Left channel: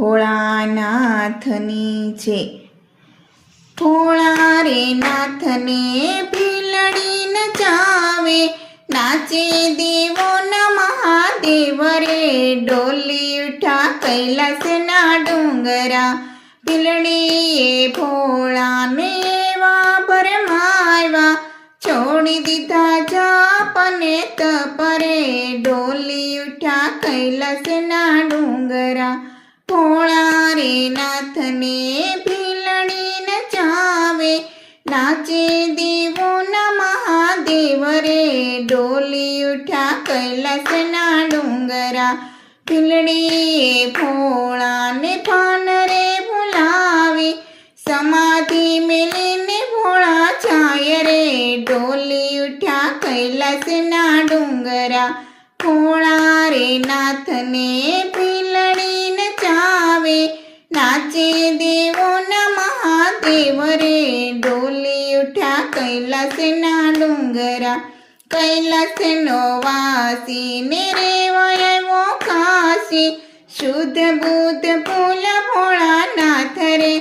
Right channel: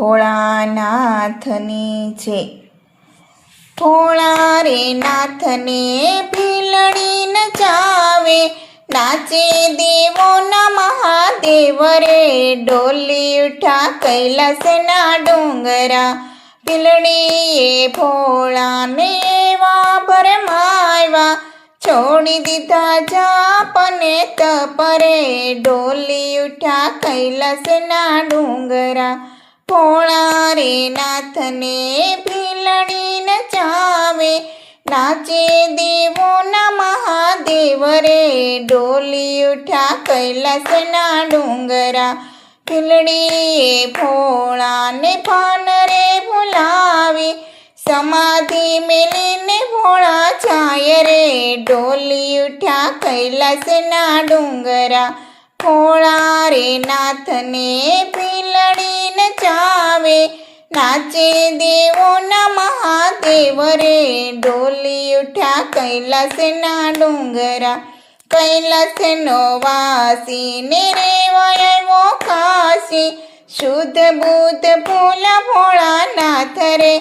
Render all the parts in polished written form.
ભોળાનાથની છે। ભોળા રે નાથને ભીલડી નચાવે, નાચે દેવોના મહાદેવ રે, ડોલી ઉઠા કૈલાસના ડુંગરા। ભીલડીએ ભોળાને એવા ભરમાવ્યા, છોડી દીધા જાપ ને તપ રે, ડોલી ઉઠા કૈલાસના ડુંગરા। ભોળા રે નાથને ભીલડી નચાવે, નાચે દેવોના મહાદેવ રે, ડોલી ઉઠા કૈલાસના ડુંગરા। ભીલડીએ ભોળાને ભાન રે ભૂલાવી, સમાધિ મેલીને ભોળા જાય રે, ડોલી ઉઠ્યા કૈલાસના ડુંગરા। ભોળા રે નાથને ભીલડી નચાવે, નાચે દેવોના મહાદેવ રે, ડોલી ઉઠ્યા કૈલાસના ડુંગરા। કૈલાસનો વાસી ને રેવાય આવ્યો કાશી, શુદ્ધ બુદ્ધ ભોલા ભોળાનાથ રે,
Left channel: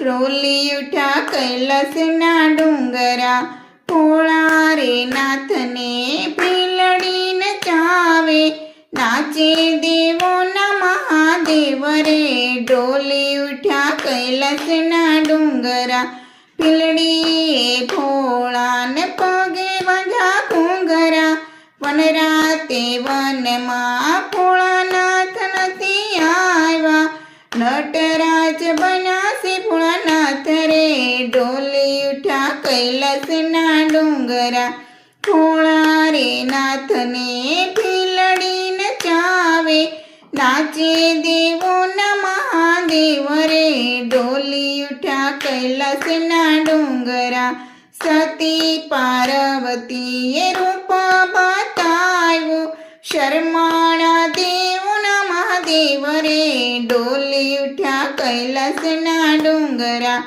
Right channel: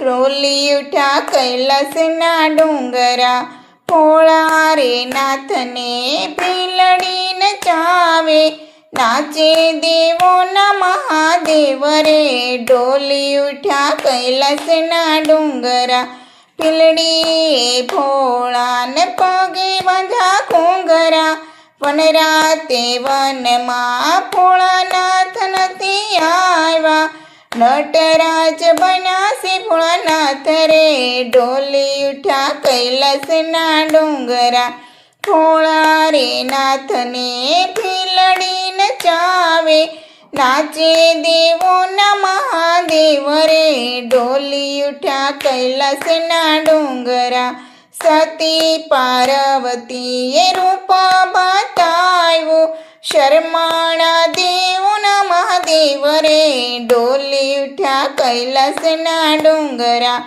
ડોલી ઉઠ્યા કૈલાસના ડુંગરા। ભોળા રે નાથને ભીલડી નચાવે, નાચે દેવોના મહાદેવ રે, ડોલી ઉઠ્યા કૈલાસના ડુંગરા। ભીલડીએ ભોળાને પગે બાંધ્યા ઘૂંઘરા, વનરાતે વનમાં ભોળાનાથ નથી આવ્યા, નટરાજ બન્યા છે ભોળાનાથ રે, ડોલી ઉઠ્યા કૈલાસના ડુંગરા। ભોળા રે નાથને ભીલડી નચાવે, નાચે દેવોના મહાદેવ રે, ડોલી ઉઠ્યા કૈલાસના ડુંગરા। સતી પાર્વતીએ રૂપ બતાવ્યું, શરમાળા દેવોના મહાદેવ રે, ડોલી ઉઠ્યા કૈલાસના ડુંગરા।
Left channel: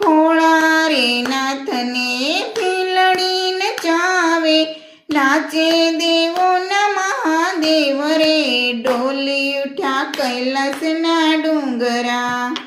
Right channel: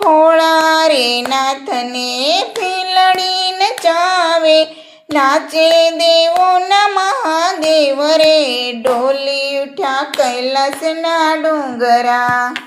ભોળા રે નાથને ભીલડી નચાવે, નાચે દેવોના મહાદેવ રે, ડોલી ઉઠ્યા કૈલાસના ડુંગરા।